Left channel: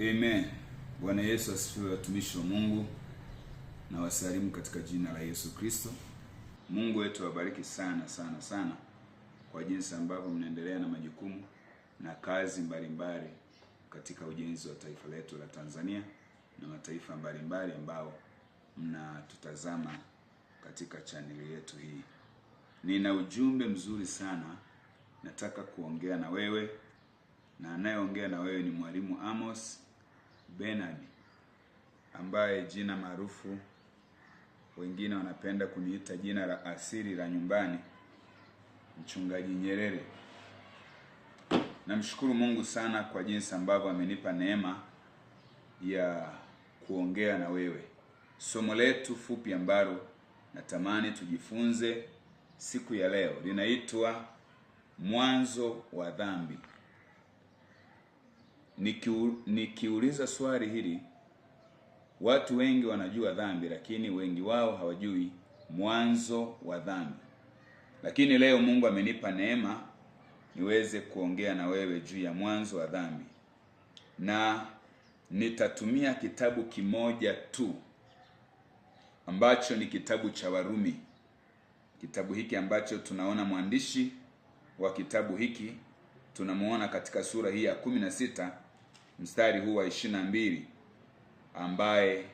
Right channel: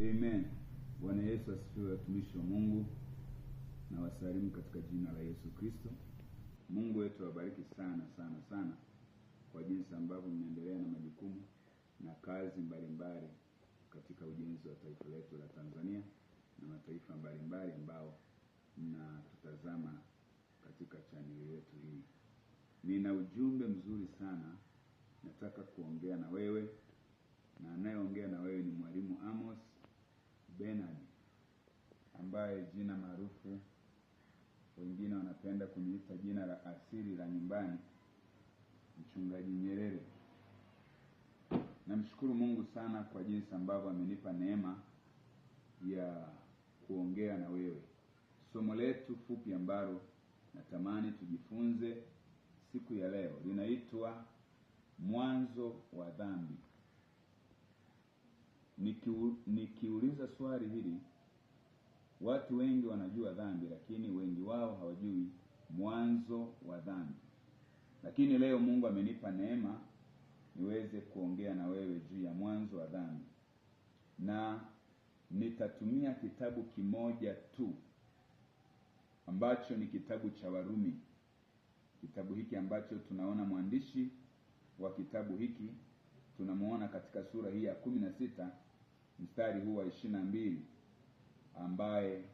Amen. Bwana Yesu asifiwe, watumishi wa Mungu, na wasalimu katika jina la Yesu Kristo. Mungu wetu awabariki sana sana sana kwa jinsi ambavyo mnaendelea na majukumu na kazi mbalimbali katika ujenzi wa taifa letu la Tanzania na mataifa mbalimbali ambao mnatutazama katika chaneli yetu hii. Nina ujumbe mzuri sana nataka kuongea na wewe, na anayeongea na wewe ni Mwalimu Amos Bernard, ambaye jina maarufu wengine wanapenda kuniita jina la asili la nyumbani, Mchungaji Nyerere. Namshukuru Mungu sana kwa jinsi ambavyo amenipa neema ya kuongea na wewe. Somo letu fupi ambalo natamani tujifunze siku ya leo linaitwa mwanzo wa dhambi. Nikiuliza swali hili, watu wengi wanajua dhambi, lakini wengi wao hawajui mwanzo wa dhambi. Lakini leo Mungu amenipa neema niweze kuongea na wewe juu ya mwanzo wa dhambi, na nitatumia kitabu kimoja tu ambacho ni kitabu cha Warumi. Kitabu hiki ambacho tunaona mwandishi wa kitabu hiki tunamuona katika sura hii ya 16 mstari huu wa 22, ambaye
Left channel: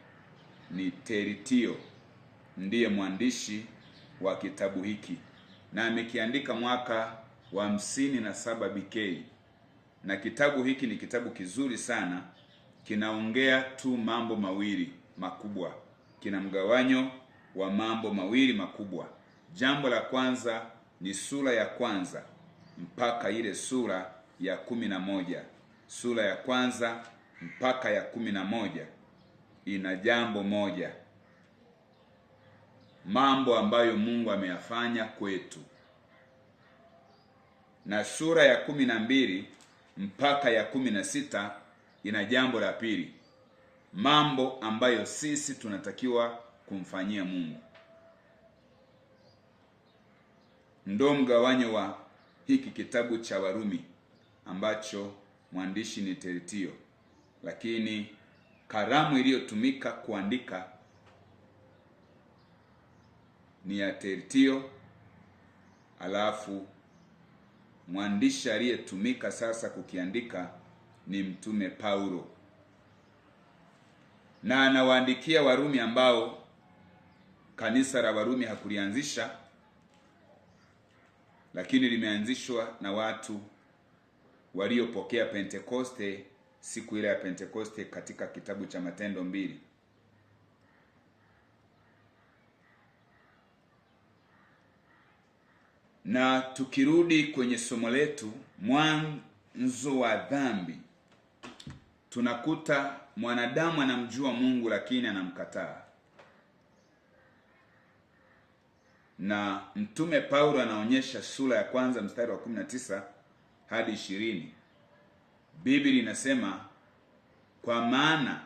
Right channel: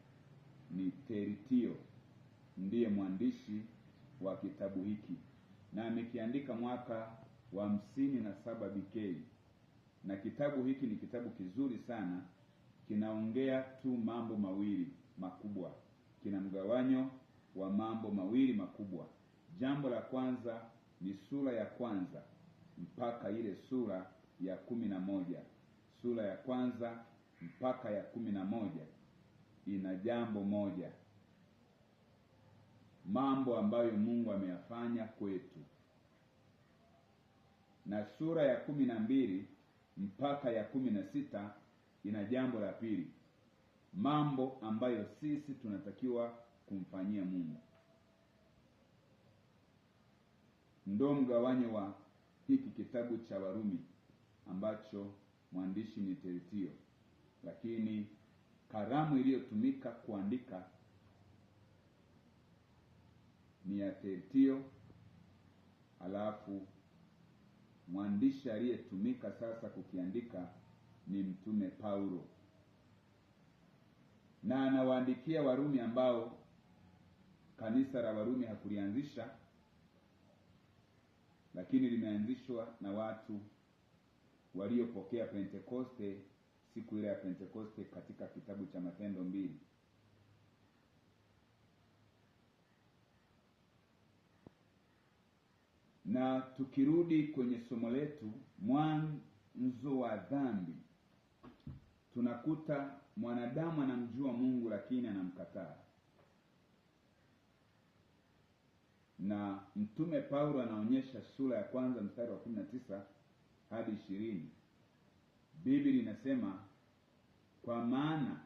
ni Teritio, ndiye mwandishi wa kitabu hiki, na amekiandika mwaka wa 57 BK. Na kitabu hiki ni kitabu kizuri sana, kinaongea tu mambo mawili makubwa, kina mgawanyo wa mambo mawili makubwa. Jambo la kwanza ni sura ya kwanza mpaka ile sura ya 11. Sura ya kwanza mpaka ya 11 ina jambo moja, mambo ambayo Mungu ameyafanya kwetu. Na sura ya 12 mpaka ya 16 ina jambo la pili, mambo ambayo sisi tunatakiwa kumfanyia Mungu. Ndo mgawanyo wa hiki kitabu cha Warumi ambacho mwandishi ni Teritio, lakini kalamu iliyotumika kuandika ni ya Teritio, alafu mwandishi aliyetumika sasa kukiandika ni Mtume Paulo, na anawaandikia Warumi ambao kanisa la Warumi hakulianzisha, lakini limeanzishwa na watu waliopokea Pentekoste siku ile ya Pentekoste katika kitabu cha Matendo 2. Na tukirudi kwenye somo letu, mwanzo wa dhambi, tunakuta mwanadamu anamjua Mungu lakini anamkataa. Na Mtume Paulo anaonyesha sura ya kwanza mstari wa 19 hadi 20. Biblia inasema, kwa maana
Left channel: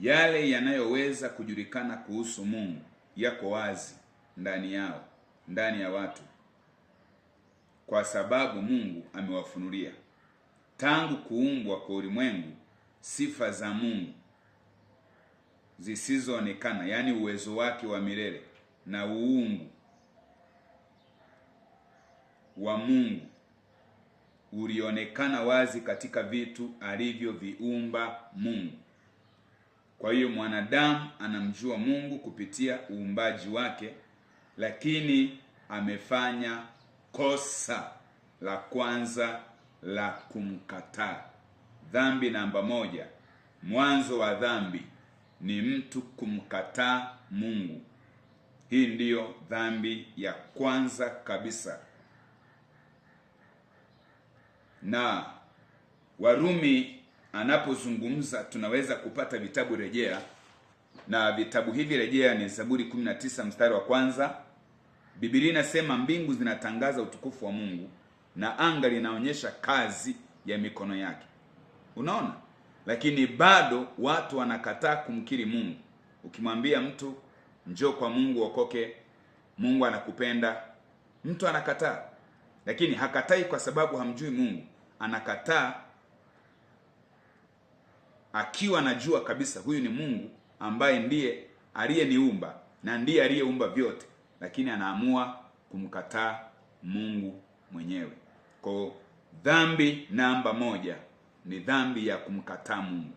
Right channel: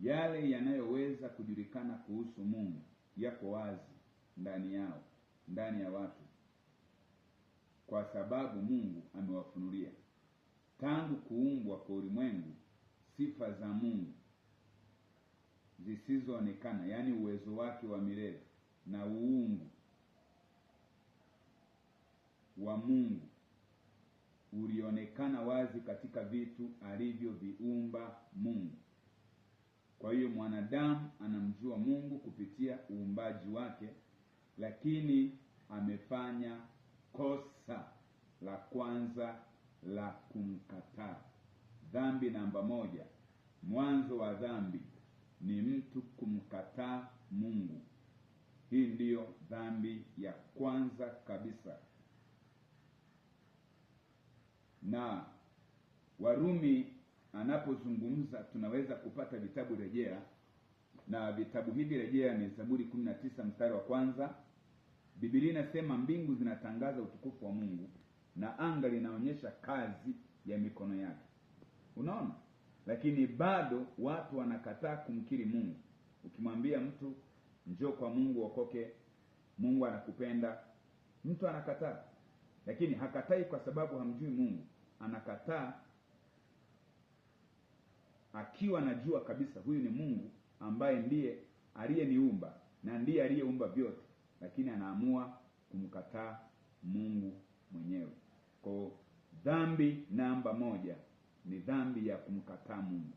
yale yanayoweza kujulikana kuhusu Mungu yako wazi ndani yao, ndani ya watu, kwa sababu Mungu amewafunulia. Tangu kuumbwa kwa ulimwengu, sifa za Mungu zisizoonekana, yani uwezo wake wa milele na uungu wa Mungu ulionekana wazi katika vitu alivyoviumba Mungu. Kwa hiyo mwanadamu anamjua Mungu kupitia uumbaji wake, lakini amefanya kosa la kwanza la kumkataa. Dhambi namba 1, mwanzo wa dhambi ni mtu kumkataa Mungu. Hii ndiyo dhambi ya kwanza kabisa. Na Warumi anapozungumza tunaweza kupata vitabu rejea, na vitabu hivi rejea ni Zaburi 19 mstari wa kwanza. Biblia inasema mbingu zinatangaza utukufu wa Mungu na anga linaonyesha kazi ya mikono yake. Unaona? Lakini bado watu wanakataa kumkiri Mungu. Ukimwambia mtu njoo kwa Mungu okoke, Mungu anakupenda, mtu anakataa. Lakini hakatai kwa sababu hamjui Mungu, anakataa akiwa anajua kabisa huyu ni Mungu ambaye ndiye aliyeniumba na ndiye aliyeumba vyote, lakini anaamua kumkataa Mungu mwenyewe. Kwa dhambi namba 1 ni dhambi ya kumkataa Mungu.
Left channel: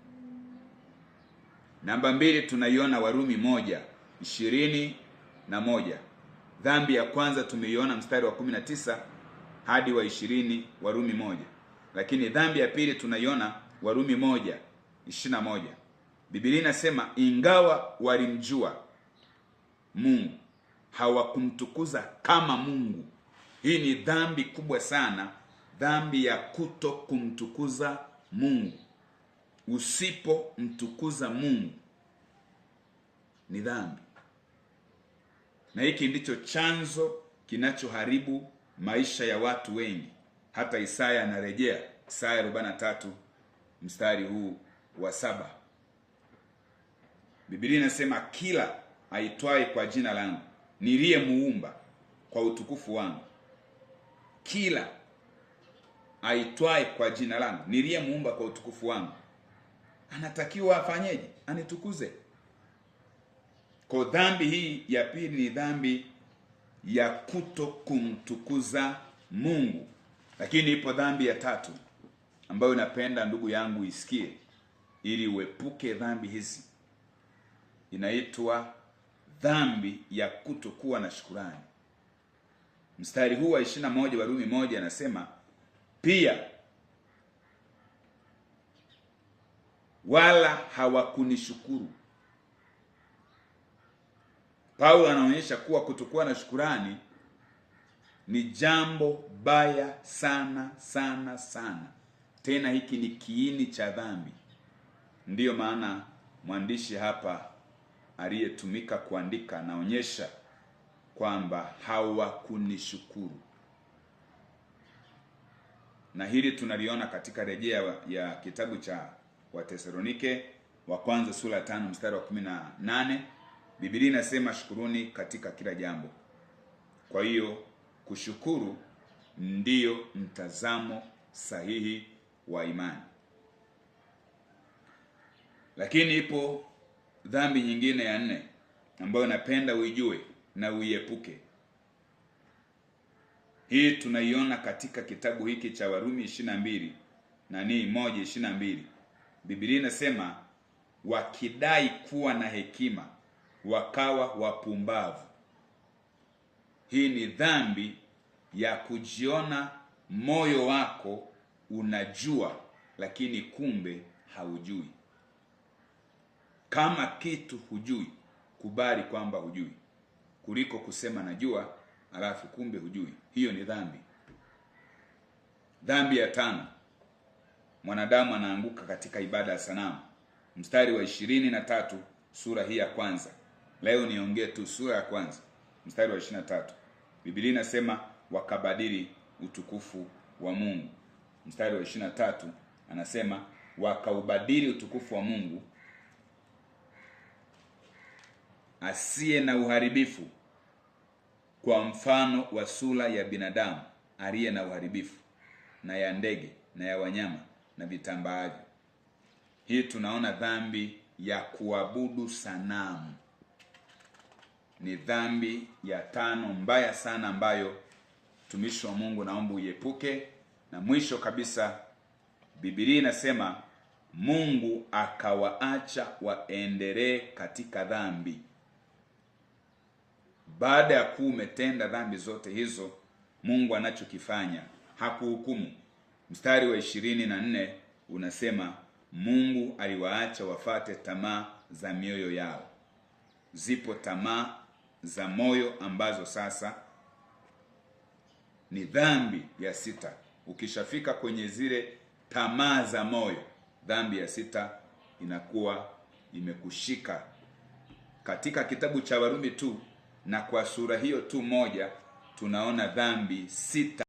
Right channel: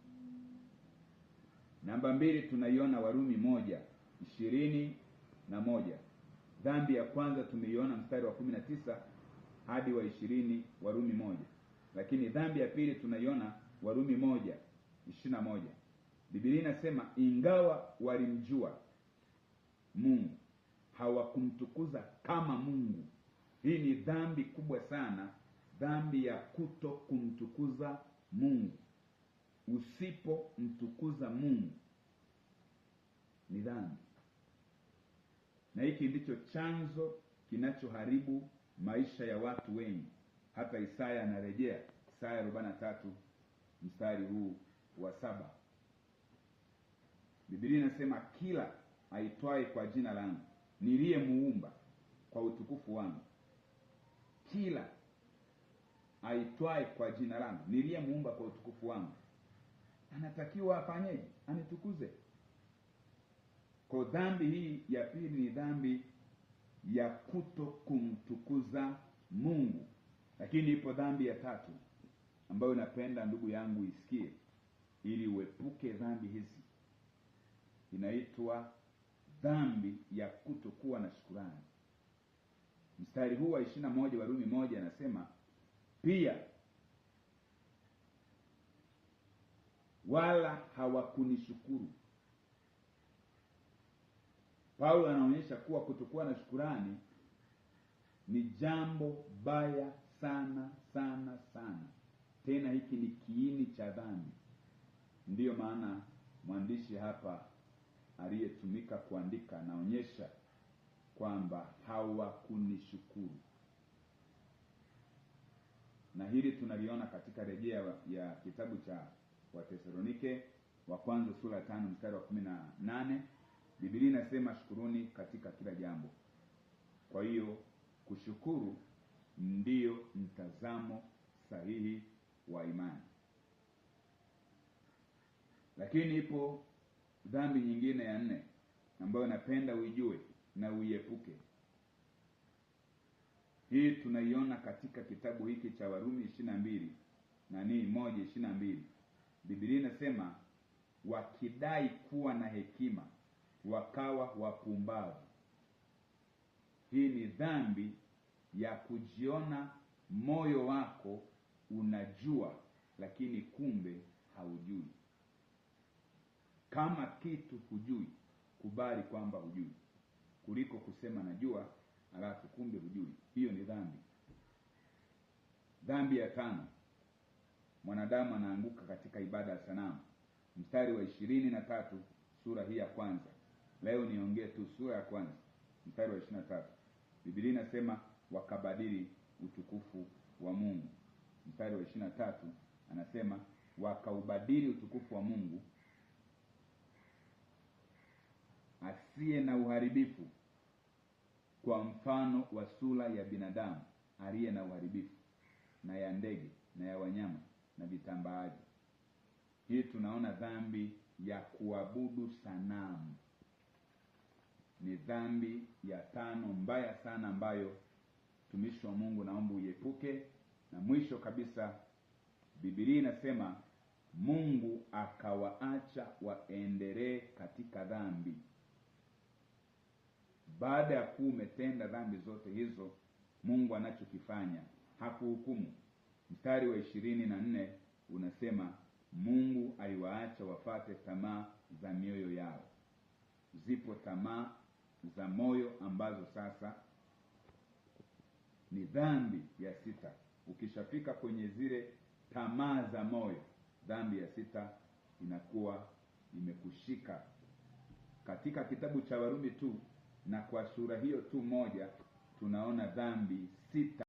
Namba 2 tunaiona Warumi 1:21. Dhambi ya kwanza tumeiona mstari wa 19 hadi wa 20 Warumi 1. Lakini dhambi ya pili tunaiona Warumi 1:21. Biblia inasema ingawa walimjua Mungu hawakumtukuza kama Mungu. Hii ni dhambi kubwa sana, dhambi ya kuto kumtukuza Mungu. Usipomtukuza Mungu ni dhambi, na hiki ndicho chanzo kinachoharibu maisha ya watu wengi. Hata Isaya anarejea, Isaya 43 mstari huu wa 7. Biblia inasema kila aitwaye kwa jina langu niliyemuumba kwa utukufu wangu. Kila aitwaye kwa jina langu niliyemuumba kwa utukufu wangu anatakiwa afanyeje? Anitukuze. Kwa dhambi hii ya pili ni dhambi ya kuto kumtukuza Mungu. Lakini ipo dhambi ya tatu ambayo napenda ndugu yangu isikie ili uepuke dhambi hizi. Inaitwa dhambi ya kutokuwa na shukrani. Mstari huu wa 21 Warumi 1 anasema pia wala hawakunishukuru. Paulo anaonyesha kuwa kutokuwa na shukrani ni jambo baya sana sana sana. Tena hiki ni kiini cha dhambi. Ndiyo maana mwandishi hapa aliyetumika kuandika anaonyesha kwamba hawakunishukuru. Na hili tunaliona katika rejea ya kitabu cha Wathesalonike wa kwanza sura ya 5 mstari wa 18. Biblia inasema shukuruni katika kila jambo. Kwa hiyo kushukuru ndiyo mtazamo sahihi wa imani. Lakini ipo dhambi nyingine ya 4 ambayo napenda uijue na uiepuke. Hii tunaiona katika kitabu hiki cha Warumi 22 na ni 1:22. Biblia inasema wakidai kuwa na hekima wakawa wapumbavu. Hii ni dhambi ya kujiona moyo wako unajua lakini kumbe haujui. Kama kitu hujui, kubali kwamba hujui, kuliko kusema najua alafu kumbe hujui. Hiyo ni dhambi. Dhambi ya 5, mwanadamu anaanguka katika ibada ya sanamu. Mstari wa 23 sura hii ya kwanza. Leo niongee tu sura ya kwanza mstari wa 23. Biblia inasema wakabadili utukufu wa Mungu. Mstari wa 23 anasema wakaubadili utukufu wa Mungu asiye na uharibifu kwa mfano wa sura ya binadamu aliye na uharibifu, na ya ndege na ya wanyama na vitambaavyo. Hii tunaona dhambi ya kuabudu sanamu. Ni dhambi ya 5 mbaya sana ambayo mtumishi wa Mungu naomba uiepuke. Na mwisho kabisa, Biblia inasema Mungu akawaacha waendelee katika dhambi. Baada ya kuwa umetenda dhambi zote hizo, Mungu anachokifanya hakuhukumu. Mstari wa 24 unasema Mungu aliwaacha wafate tamaa za mioyo yao. Zipo tamaa za moyo ambazo sasa ni dhambi ya 6. Ukishafika kwenye zile tamaa za moyo, dhambi ya 6 inakuwa imekushika. Katika kitabu cha Warumi tu, na kwa sura hiyo tu moja tunaona dhambi 6